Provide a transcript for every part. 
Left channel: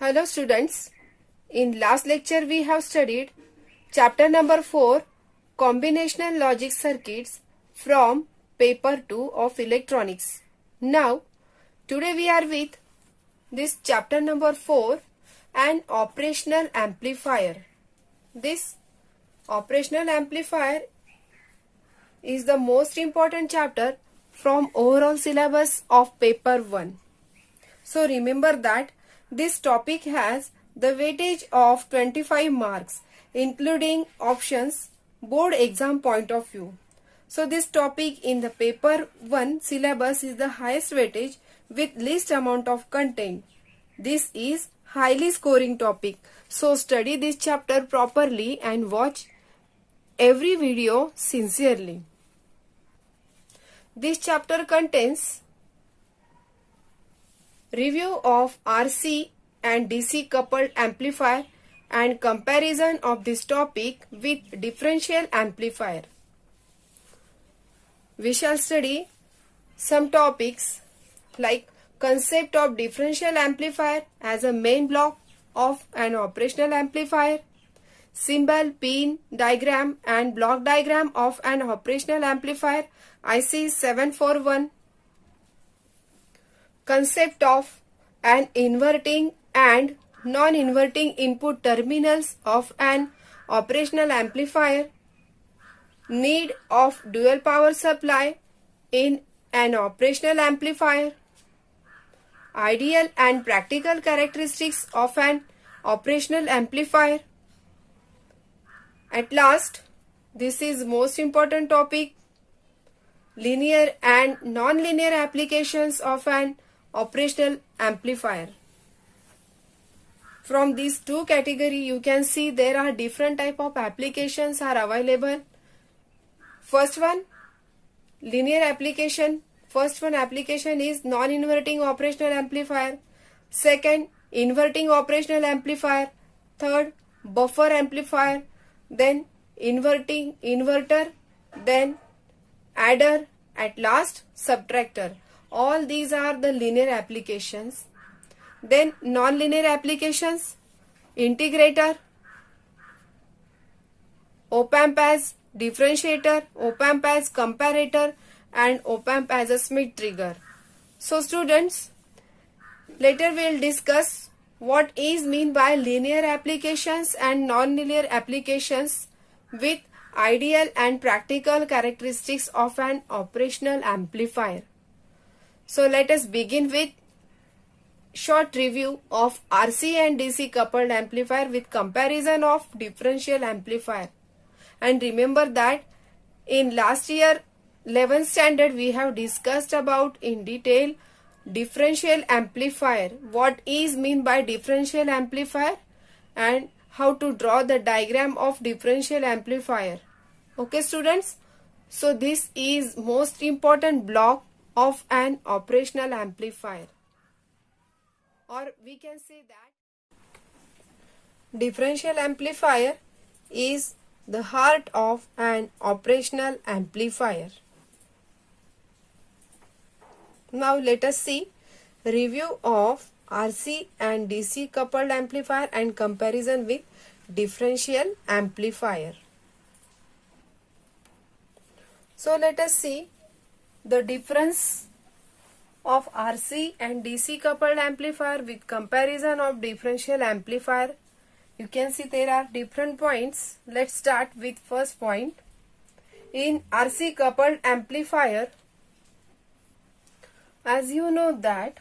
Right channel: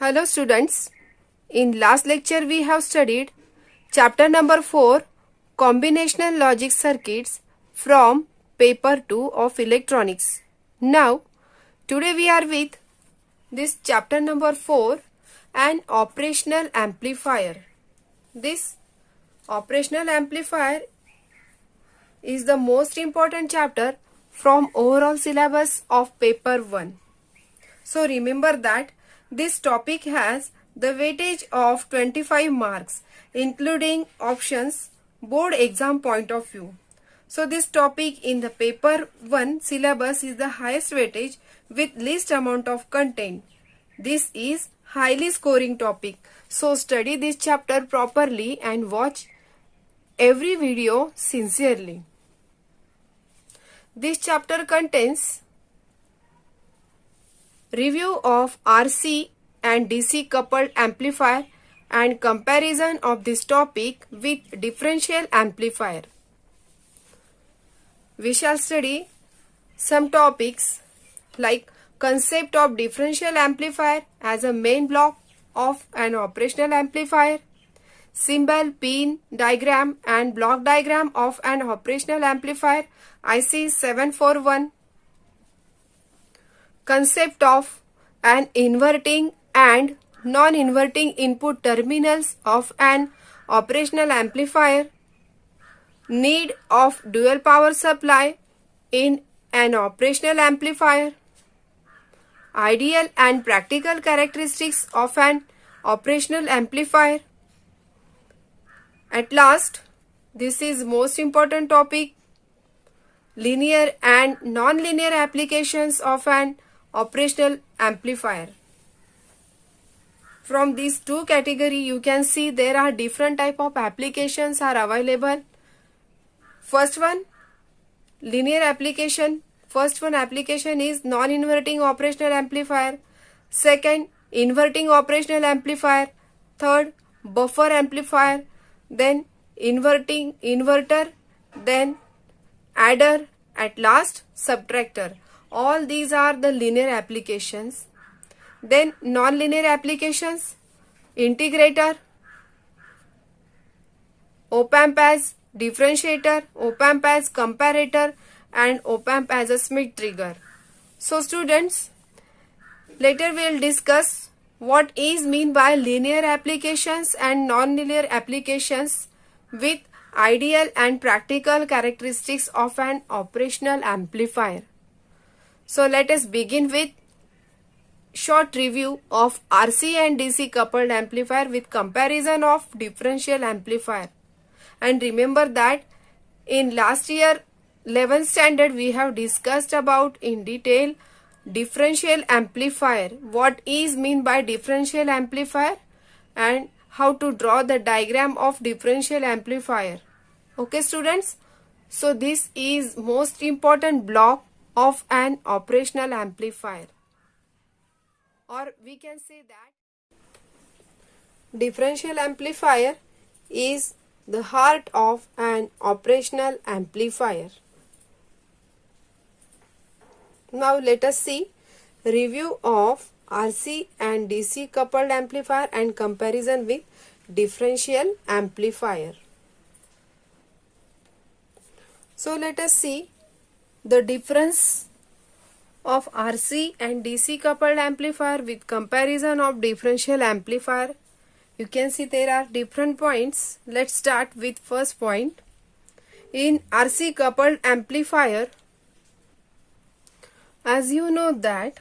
Hello students, in last lecture we have studied chapter number 4 combinational logic circuits from paper 2 of electronics. Now today we are with this chapter number 4 an operational amplifier. This operational amplifier is the most important chapter from overall syllabus of paper 1. So remember that this topic has the weightage of 25 marks including options board exam point of view. So this topic in the paper 1 syllabus is the highest weightage with least amount of content. This is highly scoring topic. So study this chapter properly and watch every video sincerely. This chapter contains review of RC and DC coupled amplifier and comparison of this topic with differential amplifier. We shall study some topics like concept of differential amplifier as a main block of an operational amplifier, symbol, pin, diagram and block diagram of an operational amplifier IC 741, concept of an inverting and non-inverting input terminals of an operational amplifier, need of dual power supply in an operational amplifier, ideal and practical characteristics of an operational amplifier. At last, this is most important topic, linear and non-linear applications of an operational amplifier. From these two categories, you can see there are different type of applications are available. First one, linear application. First one application is non-inverting operational amplifier. Second, inverting operational amplifier. Third, buffer amplifier. Then inverting inverter. Then adder. At last, subtractor. All these are the linear applications. Then non-linear applications, integrator, op-amp as differentiator, op-amp as comparator and op-amp as a Schmitt trigger. So students, later we will discuss what is mean by linear applications and non-linear applications with ideal and practical characteristics of an operational amplifier. So let us begin with short review of RC and DC coupled amplifier with comparison of differential amplifier. And remember that in last year 11th standard we have discussed about in detail differential amplifier. What is mean by differential amplifier and how to draw the diagram of differential amplifier. Okay students, so this is most important block of an operational amplifier, or we can say that differential amplifier is the heart of an operational amplifier. Now let us see review of RC and DC coupled amplifier and comparison with differential amplifier. So let us see the difference of RC and DC coupled amplifier with comparison of differential amplifier. You can see there are different points. Let's start with first point. In RC coupled amplifier, as you know that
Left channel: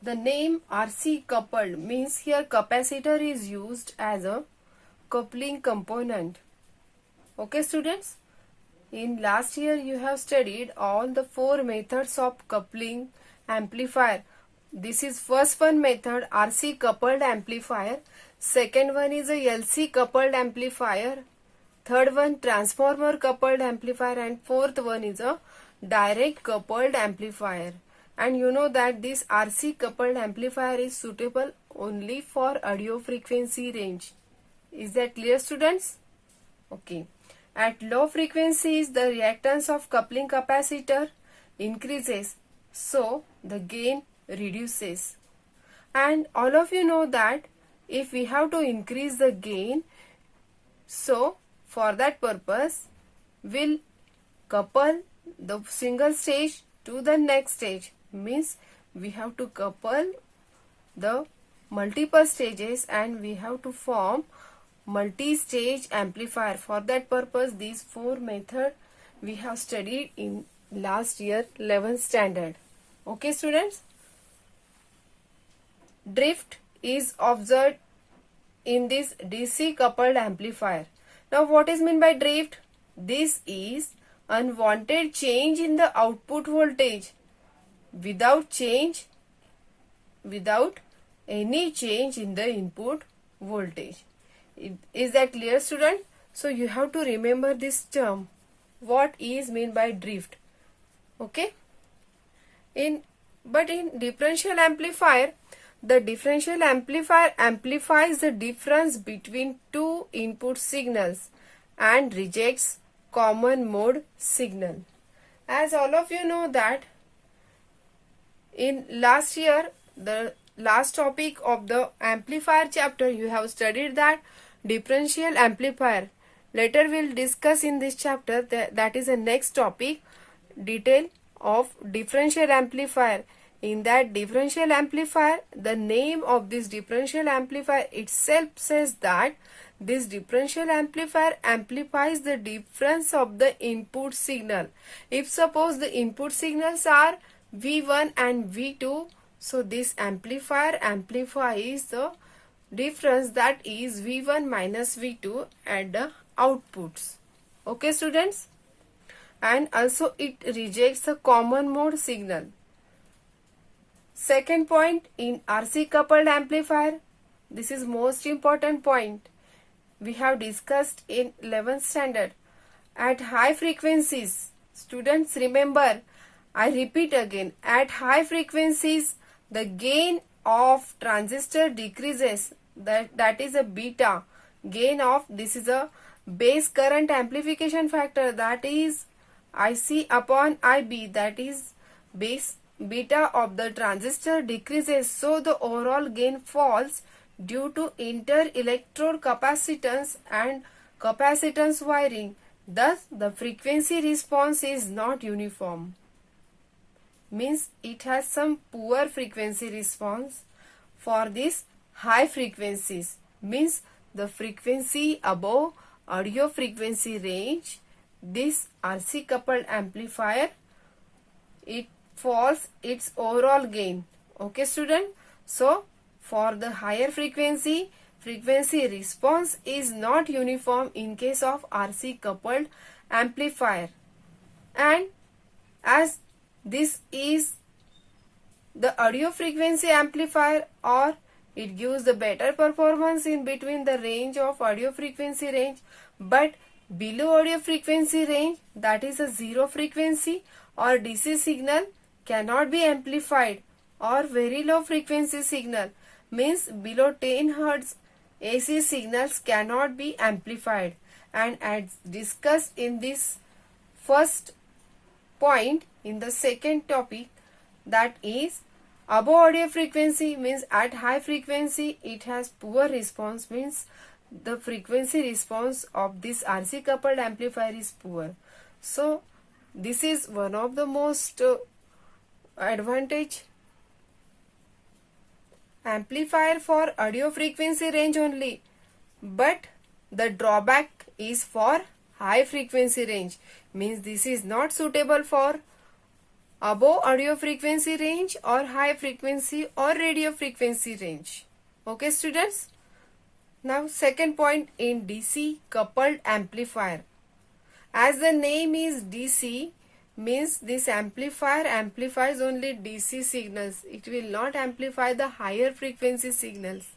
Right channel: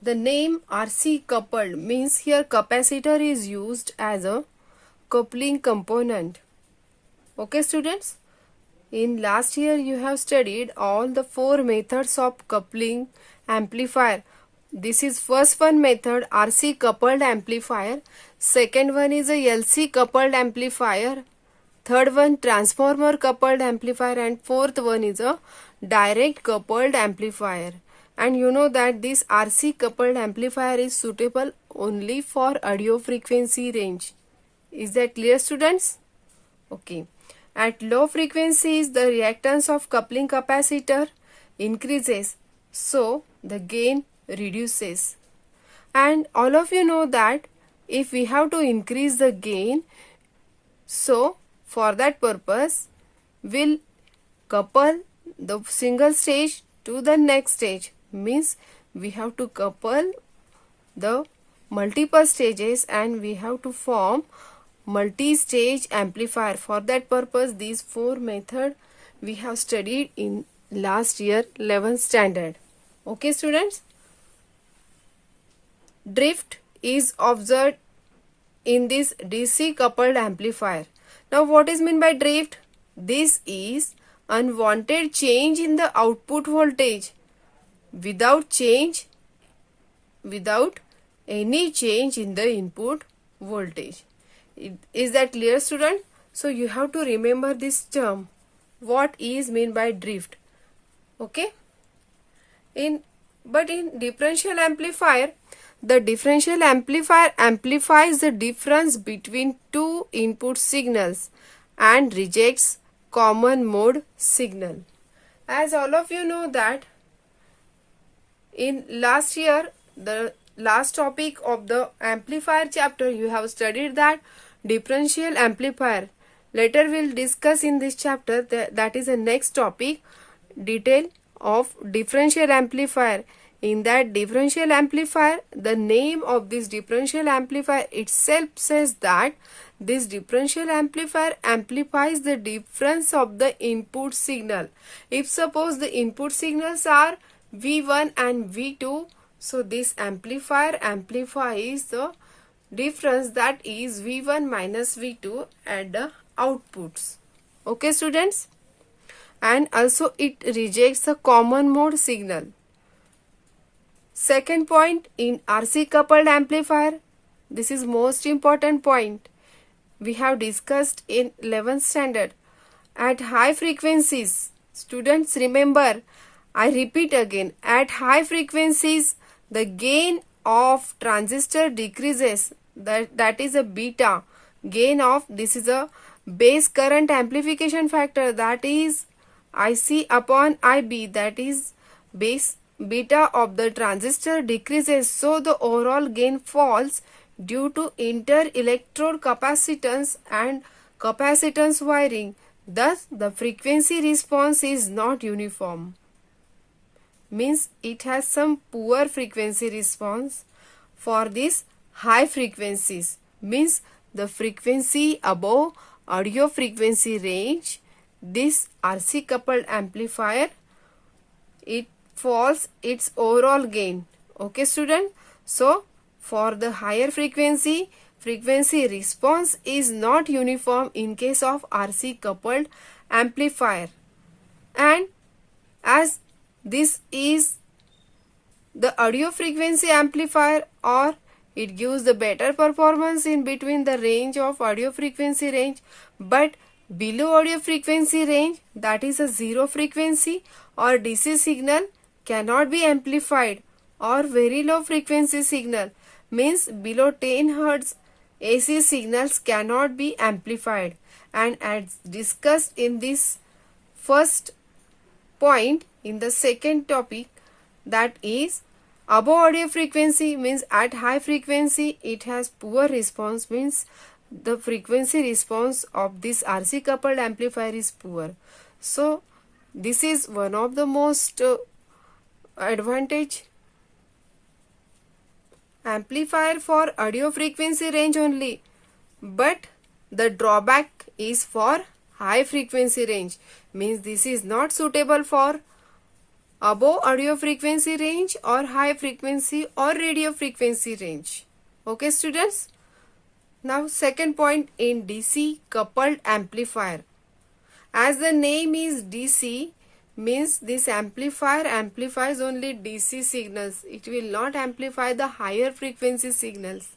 the name RC coupled means here capacitor is used as a coupling component. Okay students? In last year you have studied all the 4 methods of coupling amplifier. This is first one method, RC coupled amplifier. Second one is a LC coupled amplifier. Third one, transformer coupled amplifier. And fourth one is a direct coupled amplifier. And you know that this RC coupled amplifier is suitable only for audio frequency range. Is that clear students? Okay. At low frequencies, the reactance of coupling capacitor increases, so the gain reduces. And all of you know that if we have to increase the gain, so for that purpose we'll couple the single stage to the next stage. Means we have to couple the multiple stages and we have to form multi-stage amplifier. For that purpose these four methods we have studied in last year 11th standard. Okay students, drift is observed in this DC coupled amplifier. Now what is meant by drift? This is unwanted change in the output voltage without any change in the input voltage. Is that clear student? So you have to remember this term. What is meant by drift? Okay. But in differential amplifier, the differential amplifier amplifies the difference between two input signals and rejects common mode signal. As all of you know that in last year, the last topic of the amplifier chapter, you have studied that differential amplifier. Later we'll discuss in this chapter that is the next topic, detail of differential amplifier. In that differential amplifier, the name of this differential amplifier itself says that this differential amplifier amplifies the difference of the input signal. If suppose the input signals are V1 and V2, so this amplifier amplifies the difference, that is V1 minus V2 at the outputs. Okay students? And also it rejects the common mode signal. Second point, in RC coupled amplifier, this is most important point we have discussed in 11th standard. At high frequencies, students remember, I repeat again, at high frequencies the gain of transistor decreases, that is a beta gain of, this is a base current amplification factor, that is IC upon IB, that is base beta of the transistor decreases, so the overall gain falls due to inter-electrode capacitance and capacitance wiring. Thus the frequency response is not uniform. Means it has some poor frequency response for this high frequencies. Means the frequency above audio frequency range, this RC coupled amplifier, it falls its overall gain. Okay student? So for the higher frequency response is not uniform in case of RC coupled amplifier. And as this is the audio frequency amplifier, or it gives the better performance in between the range of audio frequency range, but below audio frequency range, that is a zero frequency or DC signal, cannot be amplified, or very low frequency signal, means below 10 Hz AC signals cannot be amplified. And as discussed in this first point, in the second topic, that is above audio frequency, means at high frequency it has poor response, means the frequency response of this RC coupled amplifier is poor. So this is one of the most advantage amplifier for audio frequency range only, but the drawback is for high frequency range, means this is not suitable for above audio frequency range or high frequency or radio frequency range. Okay students? Now second point, in DC coupled amplifier. As the name is DC, means this amplifier amplifies only DC signals. It will not amplify the higher frequency signals.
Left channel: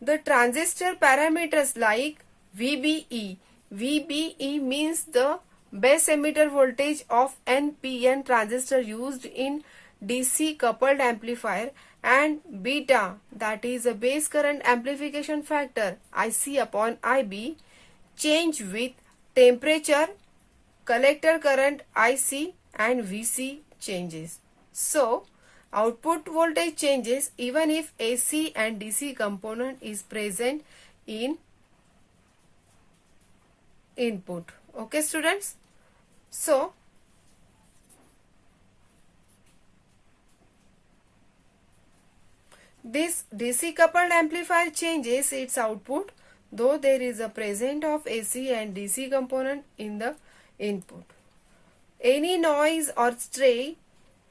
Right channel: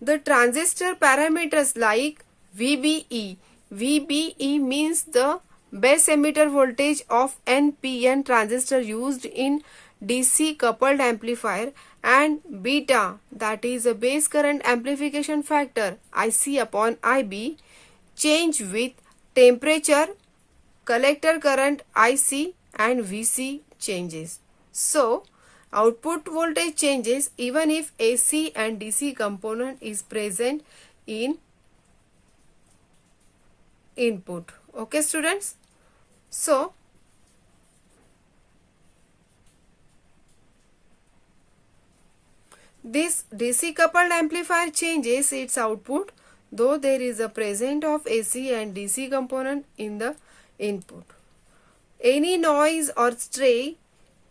The transistor parameters like VBE. VBE means the base emitter voltage of NPN transistor used in DC coupled amplifier, and beta, that is a base current amplification factor, IC upon IB, change with temperature, collector current IC and VC changes. So Output voltage changes even if AC and DC component is present in input. Okay, students? So, this DC coupled amplifier changes its output though there is a presence of AC and DC component in the input. Any noise or stray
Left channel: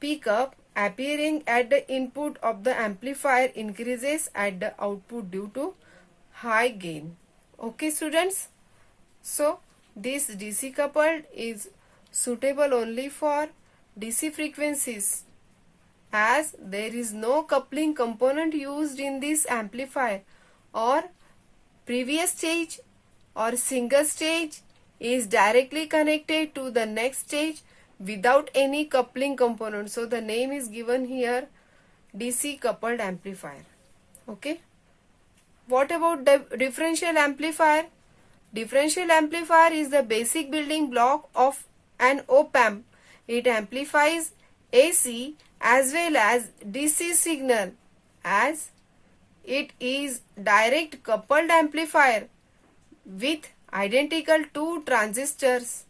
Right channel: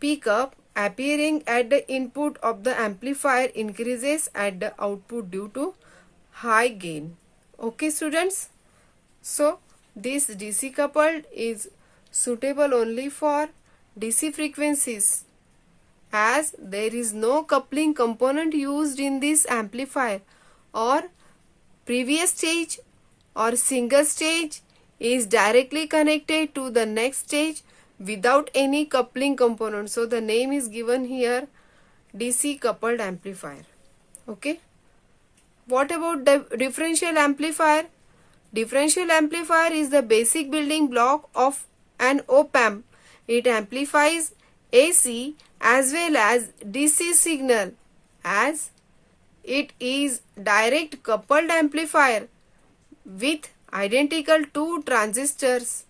pickup appearing at the input of the amplifier increases at the output due to high gain. Okay, students? So, this DC coupled is suitable only for DC frequencies, as there is no coupling component used in this amplifier, or previous stage or single stage is directly connected to the next stage without any coupling component. So the name is given here DC coupled amplifier. Okay. What about the differential amplifier? Differential amplifier is the basic building block of an op-amp. It amplifies AC as well as DC signal, as it is direct coupled amplifier with identical two transistors.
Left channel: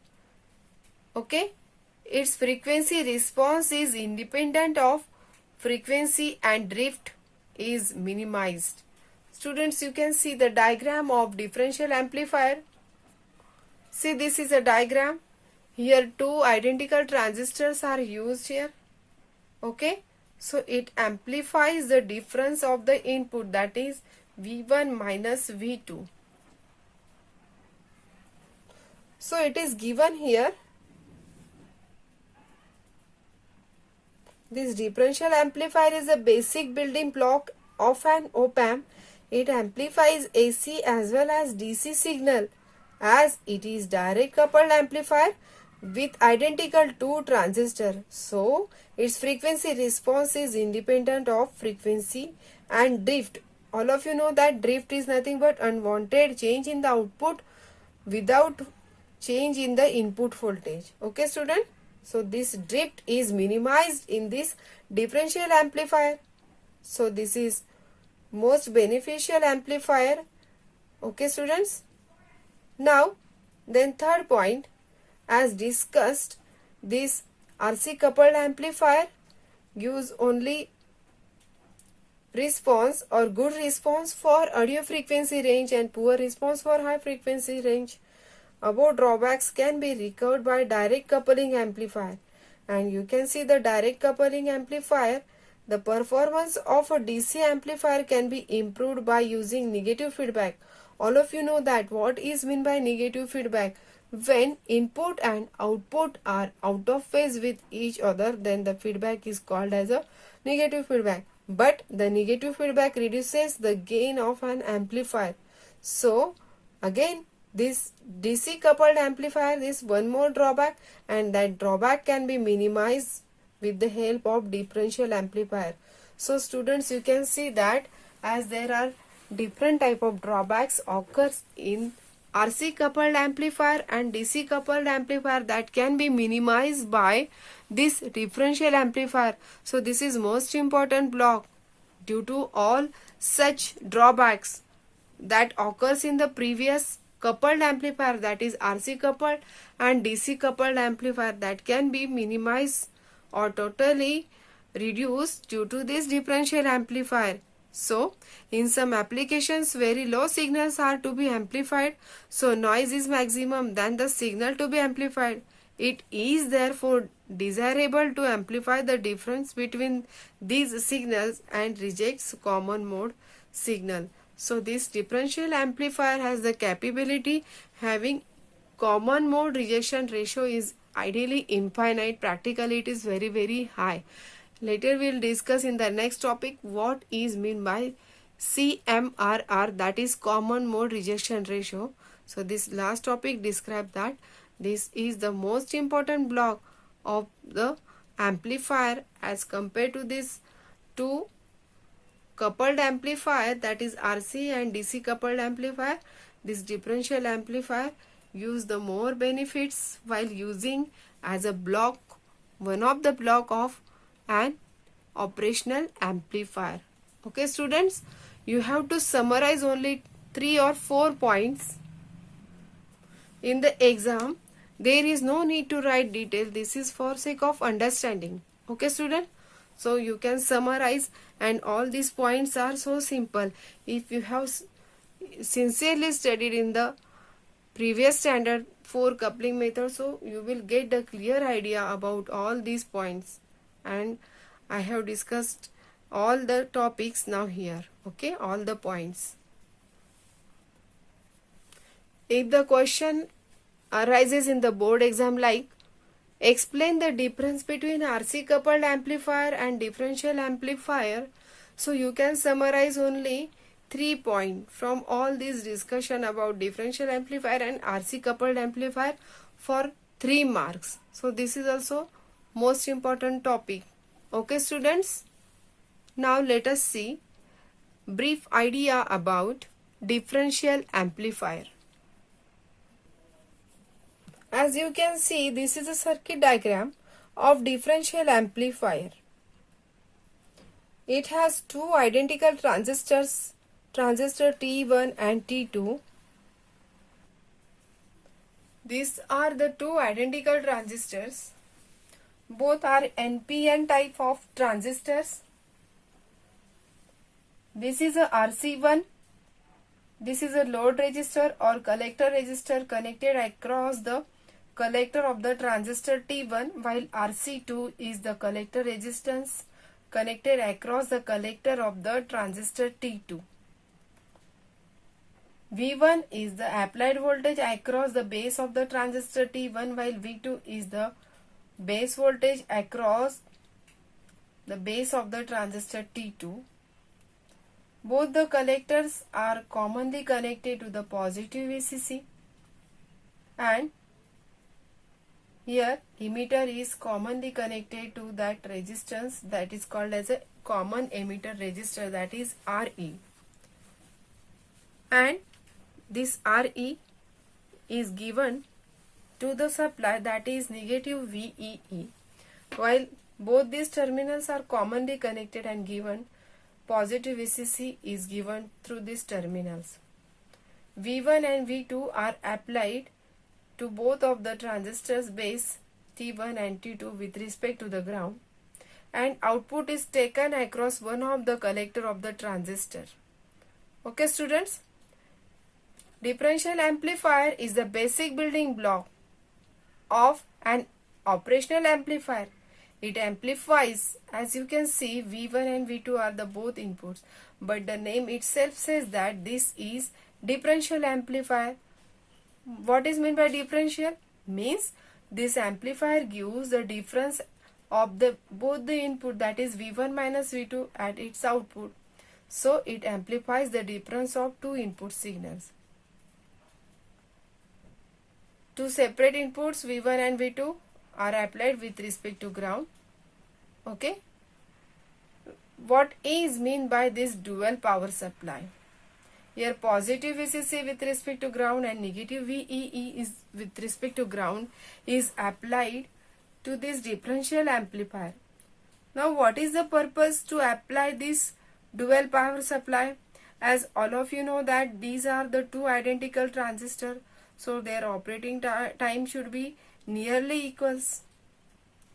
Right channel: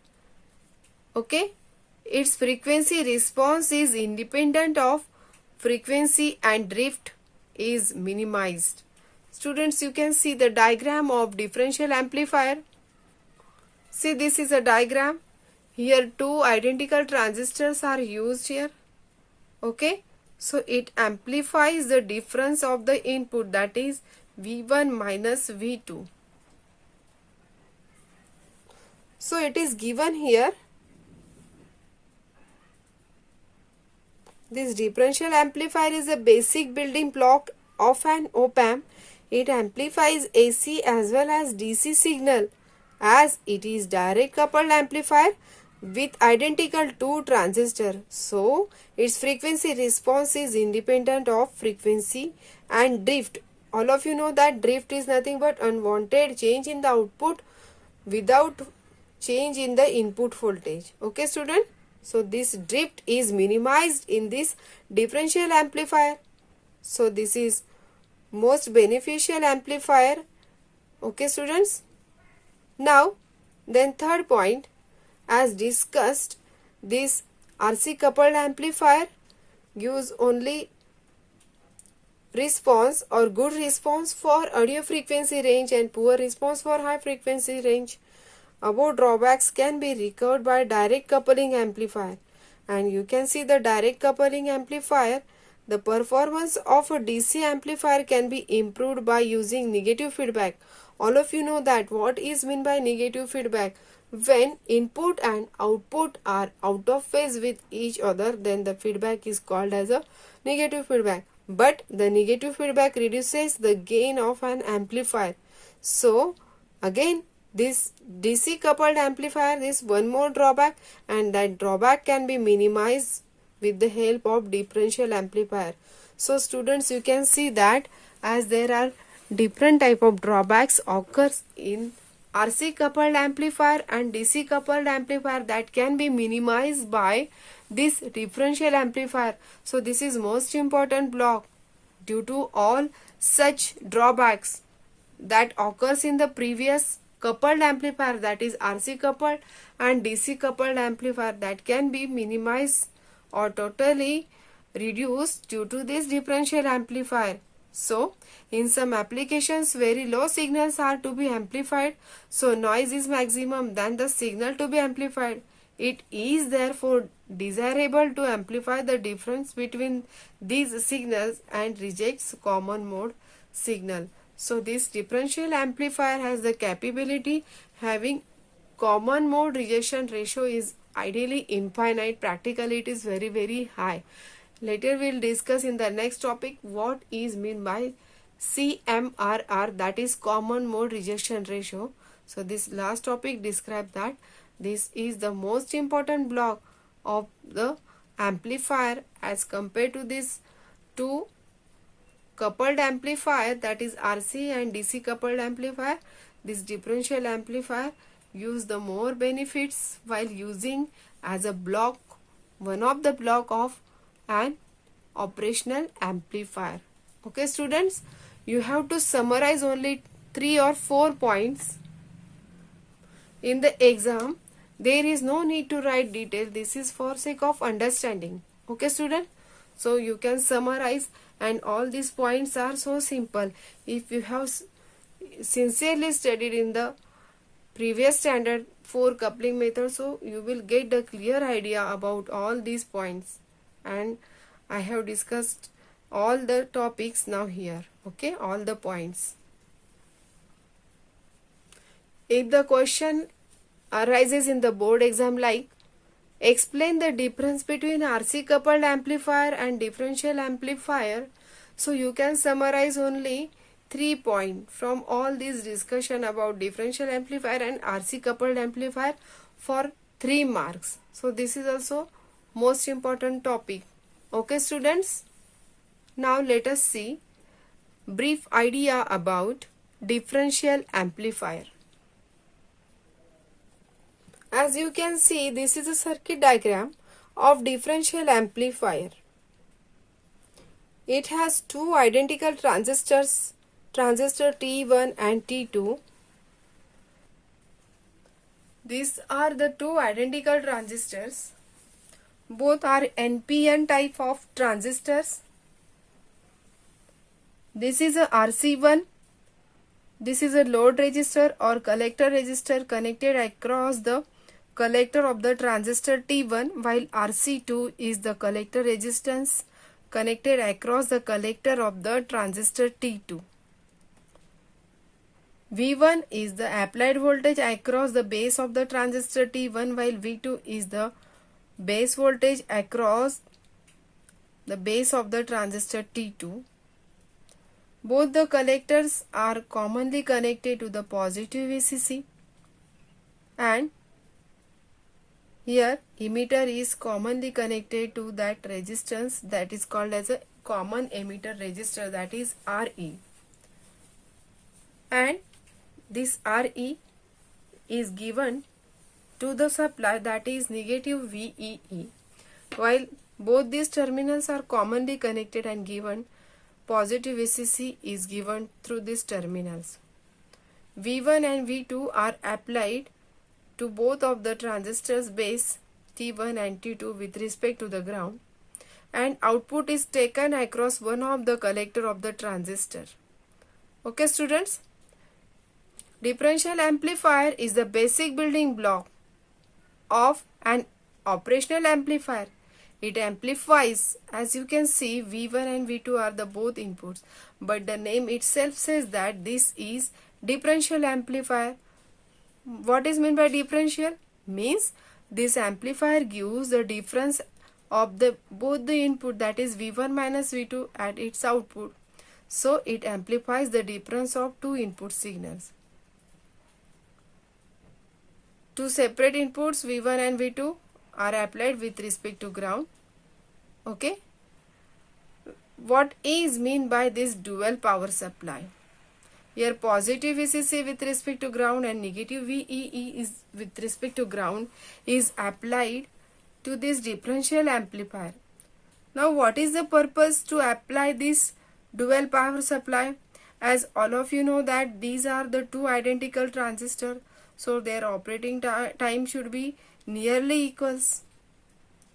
Okay. Its frequency response is independent of frequency and drift is minimized. Students, you can see the diagram of differential amplifier. See, this is a diagram. Here two identical transistors are used here. Okay. So it amplifies the difference of the input, that is V1 minus V2. So it is given here. This differential amplifier is a basic building block of an op-amp. It amplifies AC as well as DC signal, as it is direct coupled amplifier with identical two transistors. So its frequency response is independent of frequency and drift. All of you know that drift is nothing but unwanted change in the output without change in the input voltage. Okay, student? So this drift is minimized in this differential amplifier. So this is most beneficial amplifier. Okay, students? Now, then third point, as discussed, this RC coupled amplifier gives only response or good response for audio frequency range and poor response for high frequency range. Above drawbacks can be recovered by direct coupling amplifier, and you can see the direct coupling amplifier. The performance of a DC amplifier can be improved by using negative feedback. All of you know that what is meant by negative feedback. When input and output are out of phase with each other, then the feedback is called as a negative feedback. But the negative feedback reduces the gain of an amplifier. So again, this DC coupled amplifier is one more drawback, and that drawback can be minimized with the help of differential amplifier. So students, you can see that as there are different type of drawbacks occurs in RC coupled amplifier and DC coupled amplifier, that can be minimized by this differential amplifier. So this is most important block. Due to all such drawbacks that occurs in the previous coupled amplifier, that is RC coupled and DC coupled amplifier, that can be minimized or totally reduced due to this differential amplifier. So in some applications very low signals are to be amplified, so noise is maximum than the signal to be amplified. It is therefore desirable to amplify the difference between these signals and rejects common mode signal. So this differential amplifier has the capability having common mode rejection ratio is ideally infinite. Practically it is very high. Later we will discuss in the next topic what is meant by CMRR, that is common mode rejection ratio. So this last topic describes that this is the most important block of the amplifier as compared to this two coupled amplifier, that is RC and DC coupled amplifier. This differential amplifier gives the more benefits while using as a block, one of the block of an operational amplifier. Okay students, you have to summarize only 3 or 4 points in the exam. There is no need to write detail. This is for sake of understanding. Okay student, so you can summarize, and all these points are so simple. If you have sincerely studied in the previous standard 4 coupling method, so you will get a clear idea about all these points, and I have discussed all the topics now here. Okay, all the points. If the question arises in the board exam like explain the difference between RC coupled amplifier and differential amplifier, so you can summarize only 3 points from all this discussion about differential amplifier and RC coupled amplifier for 3 marks. So this is also most important topic. Okay students, now let us see brief idea about differential amplifier. As you can see, this is a circuit diagram of differential amplifier. It has two identical transistors, transistor T1 and T2. These are the two identical transistors. Both are NPN type of transistors. This is a RC1. This is a load resistor or collector resistor connected across the collector of the transistor T1, while RC2 is the collector resistance connected across the collector of the transistor T2. V1 is the applied voltage across the base of the transistor T1, while V2 is the base voltage across the base of the transistor T2. Both the collectors are commonly connected to the positive VCC, and here emitter is commonly connected to that resistance that is called as a common emitter resistor, that is RE. And this RE is given to the supply, that is negative VEE. While both these terminals are commonly connected and given, positive VCC is given through these terminals. V1 and V2 are applied to both of the transistors base T1 and T2 with respect to the ground, and output is taken across one of the collector of the transistor. Okay students, differential amplifier is the basic building block of an operational amplifier. It amplifies, as you can see, V1 and V2 are the both inputs, but the name itself says that this is differential amplifier. What is meant by differential? Means this amplifier gives the difference of both the input, that is V1 minus V2, at its output. So it amplifies the difference of two input signals. Two separate inputs V1 and V2 are applied with respect to ground. Okay. What is meant by this dual power supply? Here positive VCC with respect to ground and negative VEE is with respect to ground is applied to this differential amplifier. Now what is the purpose to apply this dual power supply? As all of you know that these are the two identical transistors, so their operating time should be nearly equals.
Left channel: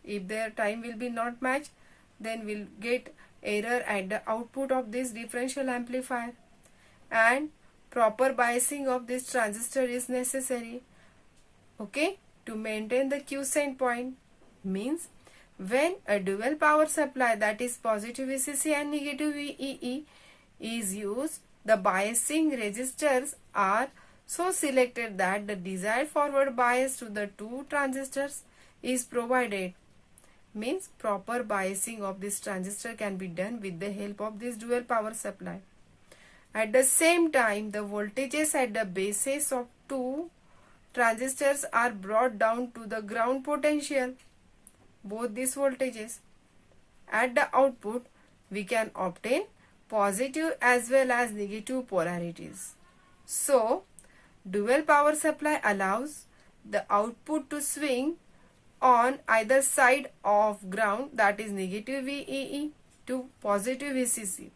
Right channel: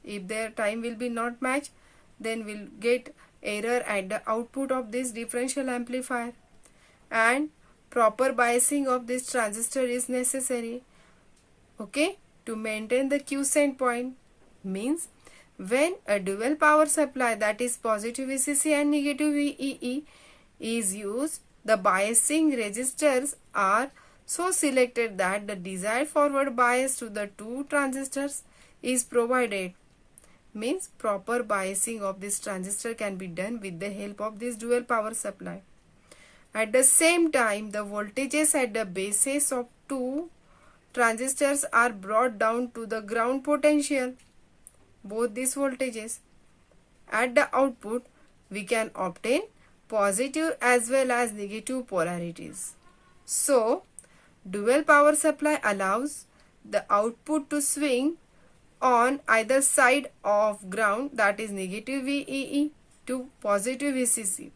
If their time will be not matched, then we'll get error at the output of this differential amplifier, and proper biasing of this transistor is necessary, okay, to maintain the quiescent point. Means when a dual power supply, that is positive VCC and negative VEE, is used, the biasing resistors are so selected that the desired forward bias to the two transistors is provided. Means proper biasing of this transistor can be done with the help of this dual power supply. At the same time, the voltages at the bases of two transistors are brought down to the ground potential. Both these voltages. At the output, we can obtain positive as well as negative polarities. So, dual power supply allows the output to swing on either side of ground, that is negative VEE, to positive VCC.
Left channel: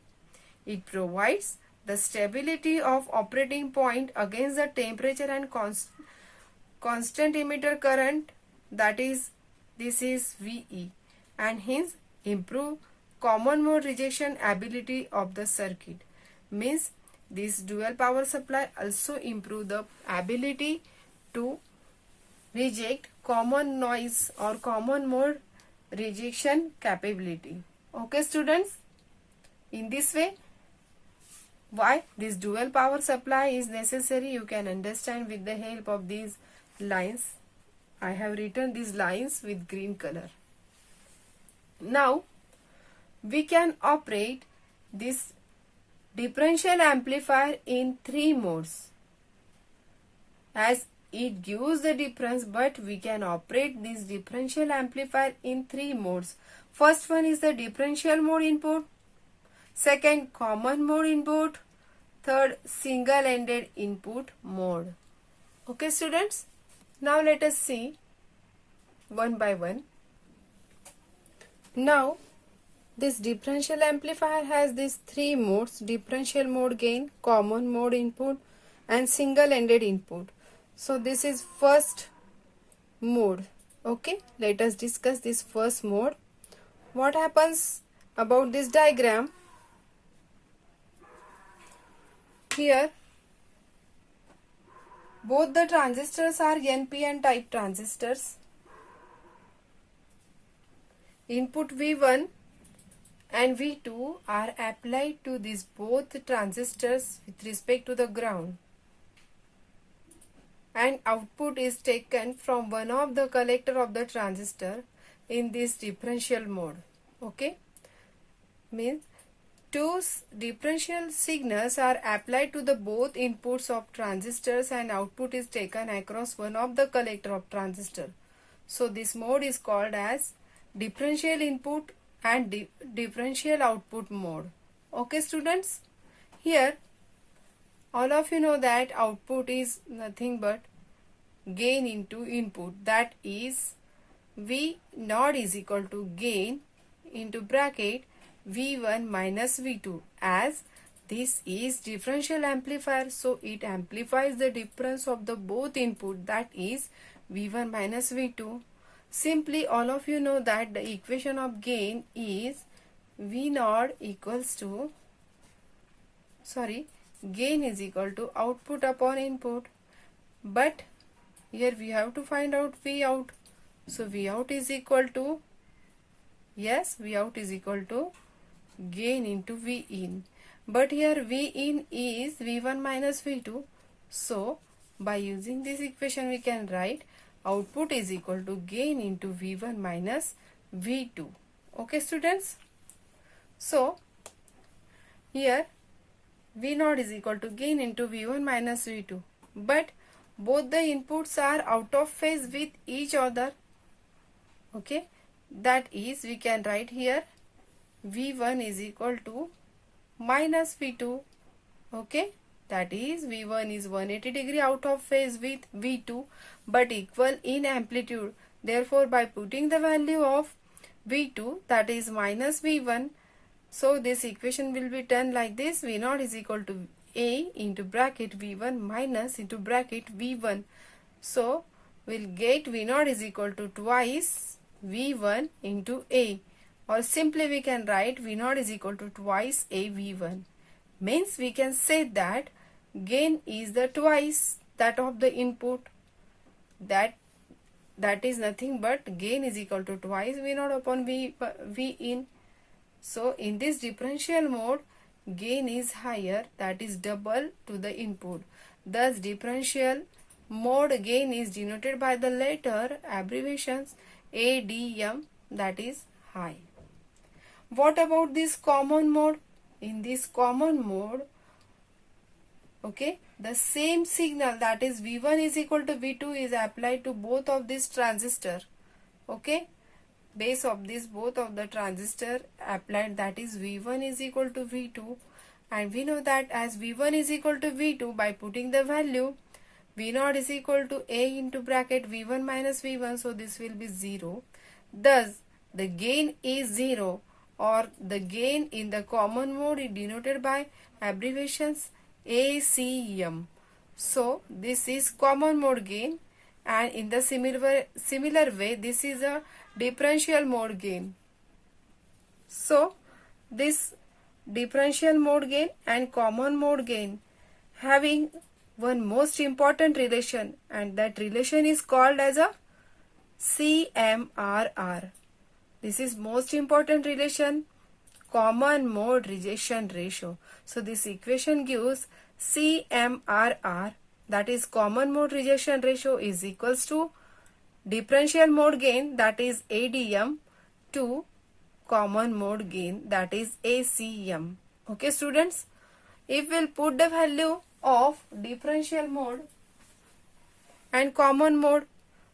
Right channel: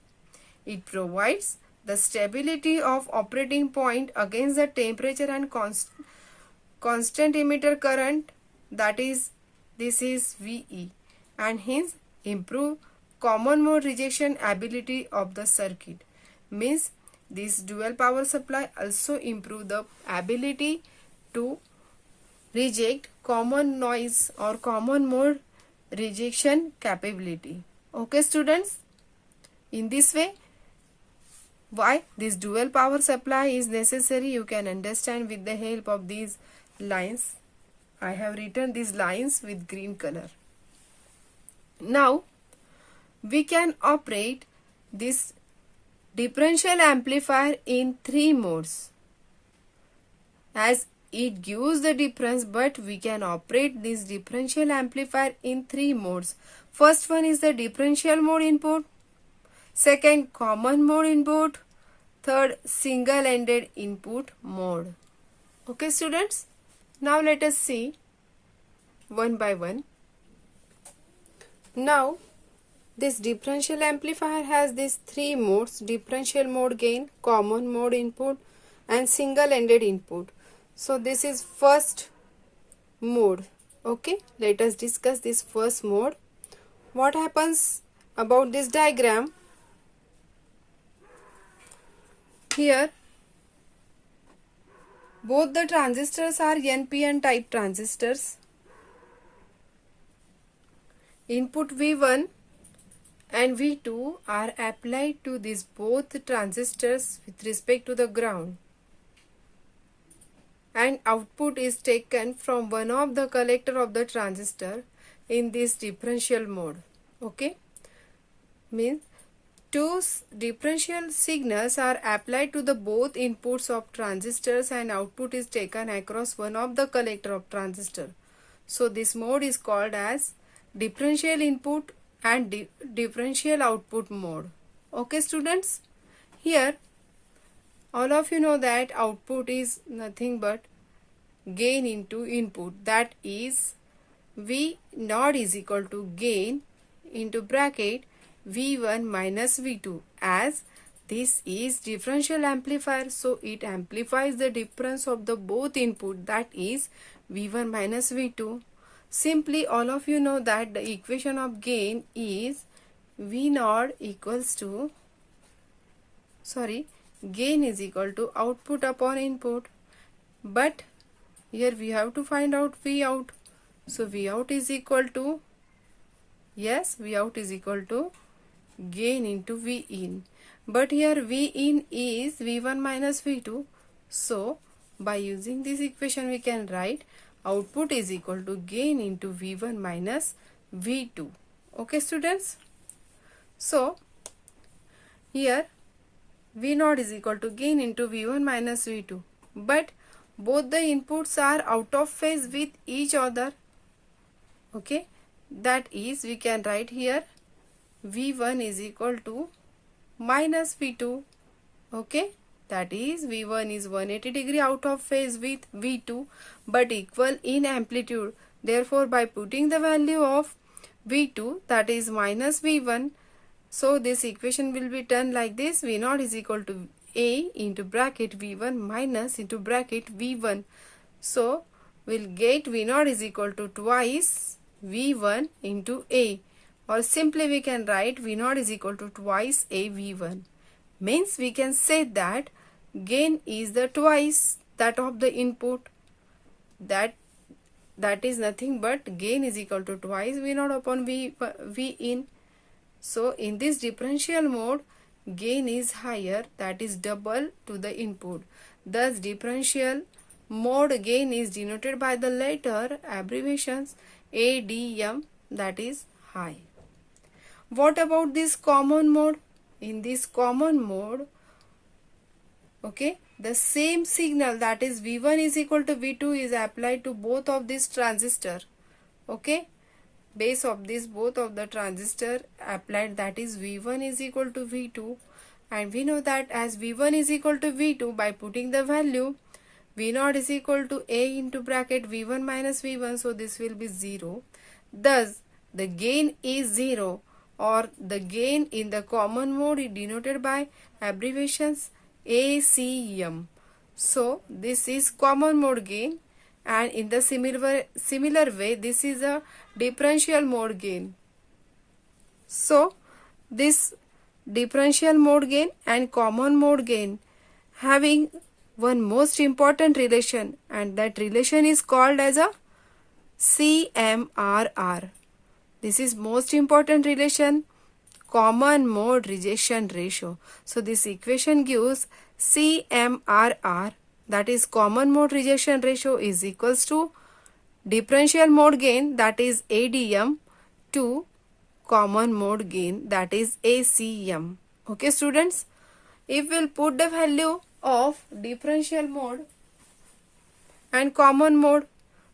It provides the stability of operating point against the temperature and constant emitter current, that is, this is VE, and hence improve common mode rejection ability of the circuit. Means this dual power supply also improve the ability to reject common noise or common mode rejection capability. Okay students, in this way why this dual power supply is necessary you can understand with the help of these lines. I have written these lines with green color. Now we can operate this differential amplifier in 3 modes, as it gives the difference, but we can operate this differential amplifier in 3 modes. First one is the differential mode input, second common mode input, third single-ended input mode. Okay students, now let us see one by one. Now this differential amplifier has these 3 modes: differential mode gain, common mode input and single-ended input. So this is first mode. Okay, let us discuss this first mode. What happens about this diagram? Here both the transistors are NPN type transistors. Input V1 and V2 are applied to these both transistors with respect to the ground, and output is taken from one of the collector of the transistor in this differential mode. Okay, means two differential signals are applied to the both inputs of transistors and output is taken across one of the collector of transistor. So this mode is called as differential input and differential output mode. Okay students, here all of you know that output is nothing but gain into input, that is V naught is equal to gain into bracket V1 minus V2, as this is differential amplifier, so it amplifies the difference of the both input, that is V1 minus V2. Simply all of you know that the equation of gain is V naught equals to, gain is equal to output upon input, but here we have to find out V out. So V out is equal to, yes, V out is equal to gain into V in, but here V in is V1 minus V2. So by using this equation we can write output is equal to gain into V1 minus V2. Okay students, so here V naught is equal to gain into V1 minus V2, but both the inputs are out of phase with each other. Okay, that is we can write here V1 is equal to minus V2. Okay, that is V1 is 180 degree out of phase with V2 but equal in amplitude. Therefore by putting the value of V2, that is minus V1, so this equation will be done like this: V naught is equal to A into bracket V1 minus into bracket V1. So we'll get V naught is equal to twice V1 into A, or simply we can write V naught is equal to twice A V1. Means we can say that gain is the twice that of the input, that is nothing but gain is equal to twice V naught upon V in. So in this differential mode gain is higher, that is double to the input. Thus differential mode gain is denoted by the letter abbreviations ADM, that is high. What about this common mode? In this common mode, okay, the same signal, that is V1 is equal to V2, is applied to both of these transistor. Okay, base of this both of the transistor applied, that is V1 is equal to V2, and we know that as V1 is equal to V2, by putting the value V0 is equal to A into bracket V1 minus V1, so this will be 0. Thus the gain is 0. or the gain in the common mode is denoted by abbreviations ACM. So this is common mode gain, and in the similar way this is a differential mode gain. So this differential mode gain and common mode gain having one most important relation, and that relation is called as a CMRR. This is most important relation, common mode rejection ratio. So this equation gives CMRR, that is common mode rejection ratio, is equals to differential mode gain, that is ADM, to common mode gain, that is ACM. Okay students, if we'll put the value of differential mode and common mode,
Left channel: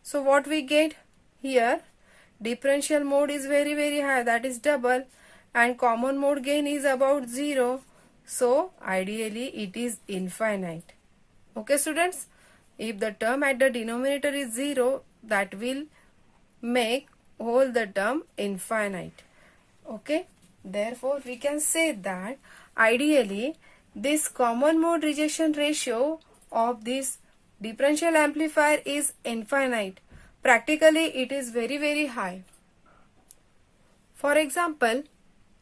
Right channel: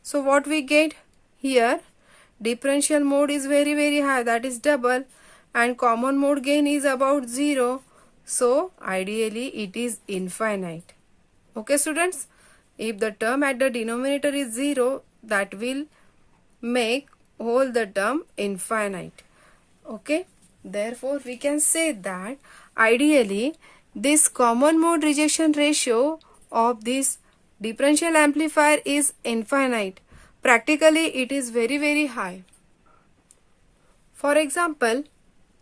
so what we get here, differential mode is very high, that is double, and common mode gain is about 0. So ideally it is infinite. Okay students, if the term at the denominator is 0, that will make whole the term infinite. Okay, therefore we can say that ideally this common mode rejection ratio of this differential amplifier is infinite. Practically it is very high. For example,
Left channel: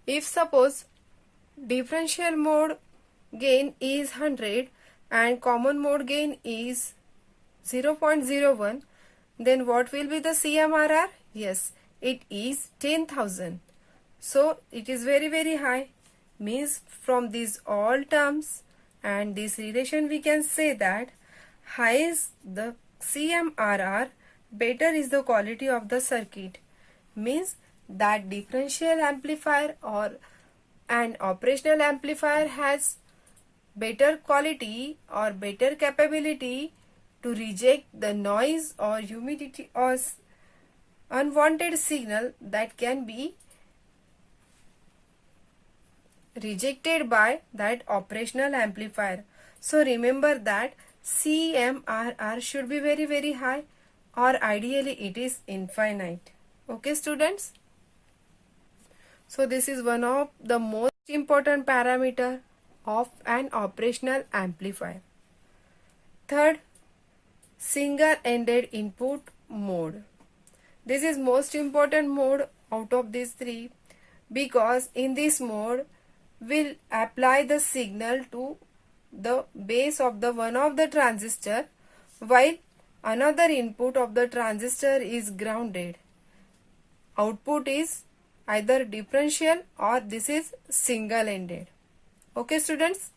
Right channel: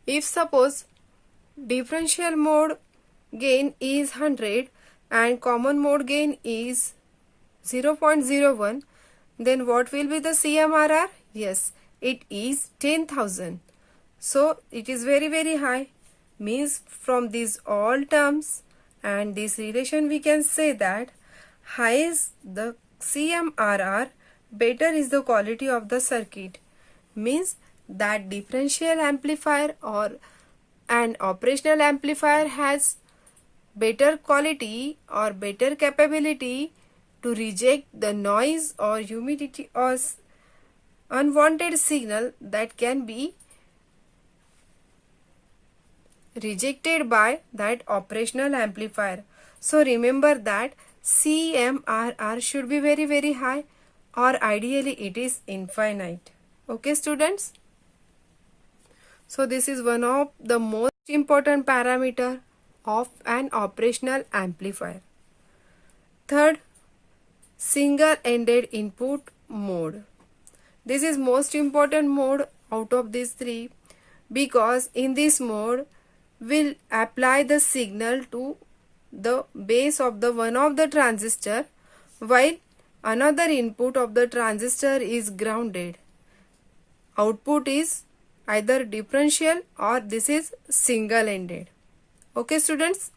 if suppose differential mode gain is 100 and common mode gain is 0.01, then what will be the CMRR? Yes, it is 10,000. So it is very high. Means from these all terms and this relation we can say that high is the CMRR, better is the quality of the circuit. Means that differential amplifier or an operational amplifier has better quality or better capability to reject the noise or humidity or unwanted signal that can be rejected by that operational amplifier. So remember that CMRR should be very high, or ideally it is infinite. Okay students, so this is one of the most important parameter of an operational amplifier. Third, single-ended input mode. This is most important mode out of these three, because in this mode will apply the signal to the base of the one of the transistor, while another input of the transistor is grounded. Output is either differential or this is single-ended. Okay students,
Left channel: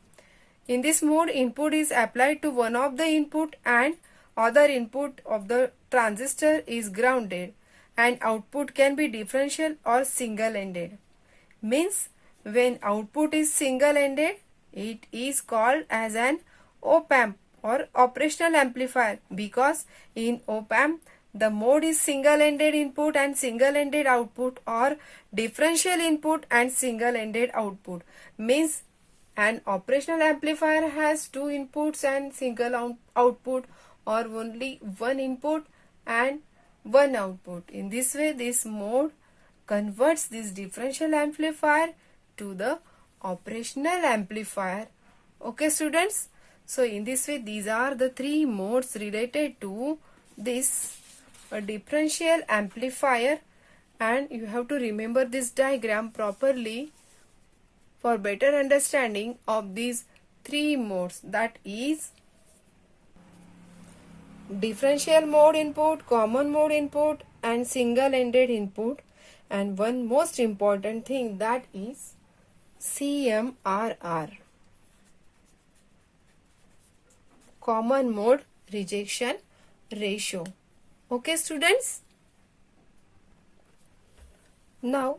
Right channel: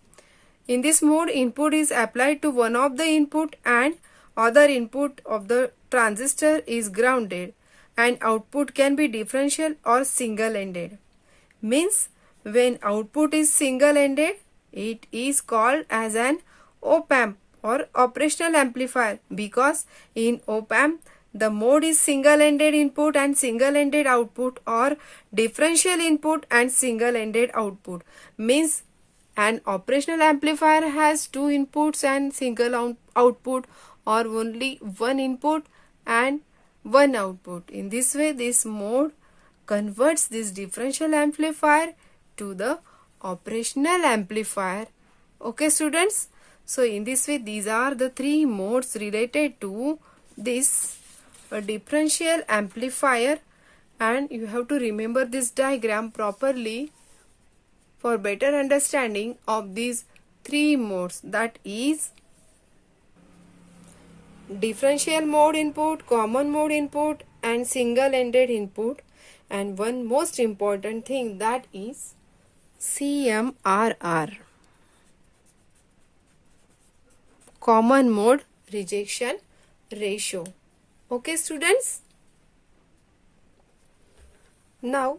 in this mode input is applied to one of the input and other input of the transistor is grounded, and output can be differential or single-ended. Means when output is single-ended, it is called as an op-amp or operational amplifier, because in op-amp the mode is single-ended input and single-ended output, or differential input and single-ended output. Means an operational amplifier has two inputs and single output, or only one input and one output. In this way, this mode converts this differential amplifier to the operational amplifier. Okay students, so in this way these are the three modes related to this differential amplifier, and you have to remember this diagram properly for better understanding of these three modes, that is differential mode input, common mode input and single-ended input, and one most important thing, that is CMRR, common mode rejection ratio. Okay students, now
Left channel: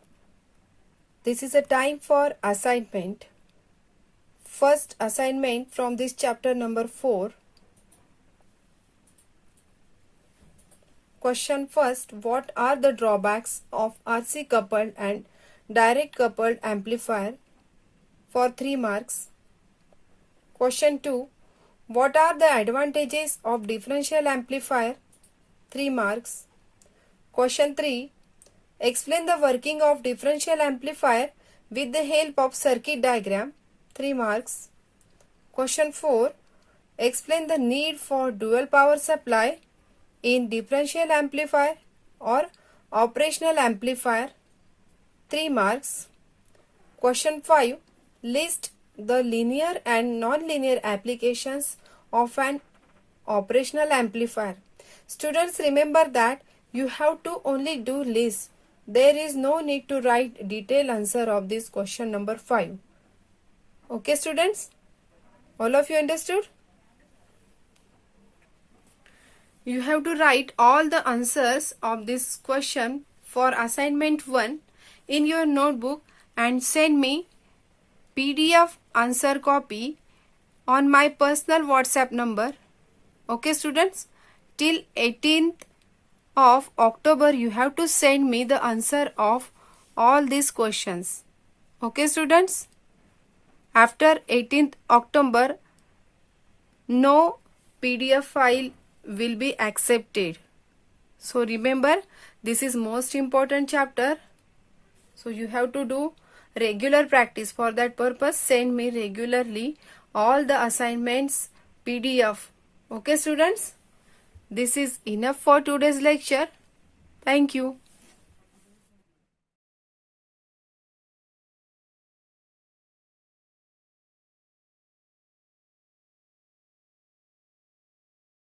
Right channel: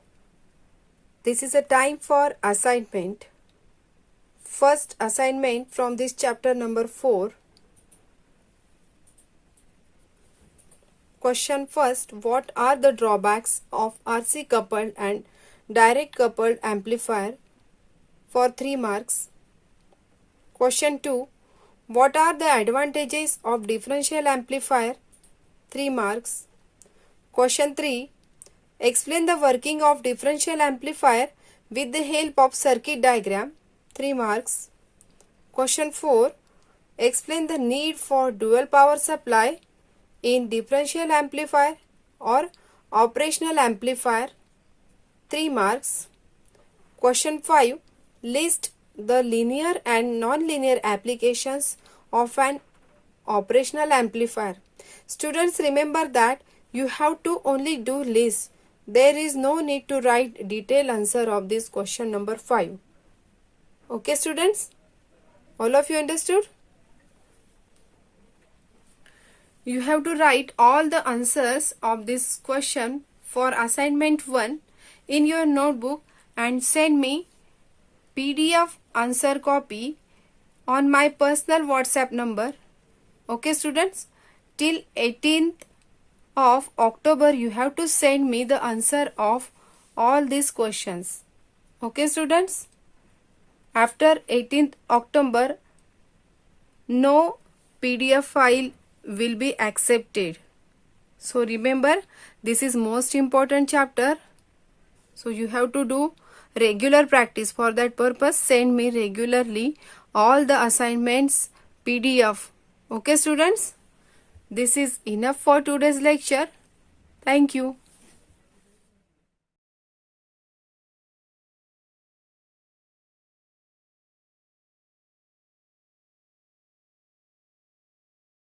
this is a time for assignment. First assignment from this chapter number 4. Question first, what are the drawbacks of RC coupled and direct coupled amplifier, for 3 marks. Question 2, what are the advantages of differential amplifier, 3 marks. Question 3, Explain the working of differential amplifier with the help of circuit diagram. 3 marks. Question 4. Explain the need for dual power supply in differential amplifier or operational amplifier. 3 marks. Question 5. List the linear and non-linear applications of an operational amplifier. Students, remember that you have to only do list. There is no need to write detailed answer of this question number 5. Okay students? All of you understood? You have to write all the answers of this question for assignment 1 in your notebook and send me PDF answer copy on my personal WhatsApp number. Okay students? Till 18th of October you have to send me the answer of all these questions. Okay students? After 18th October no PDF file will be accepted. So remember, this is most important chapter. So you have to do regular practice. For that purpose, send me regularly all the assignments PDF. Okay students? This is enough for today's lecture. Thank you.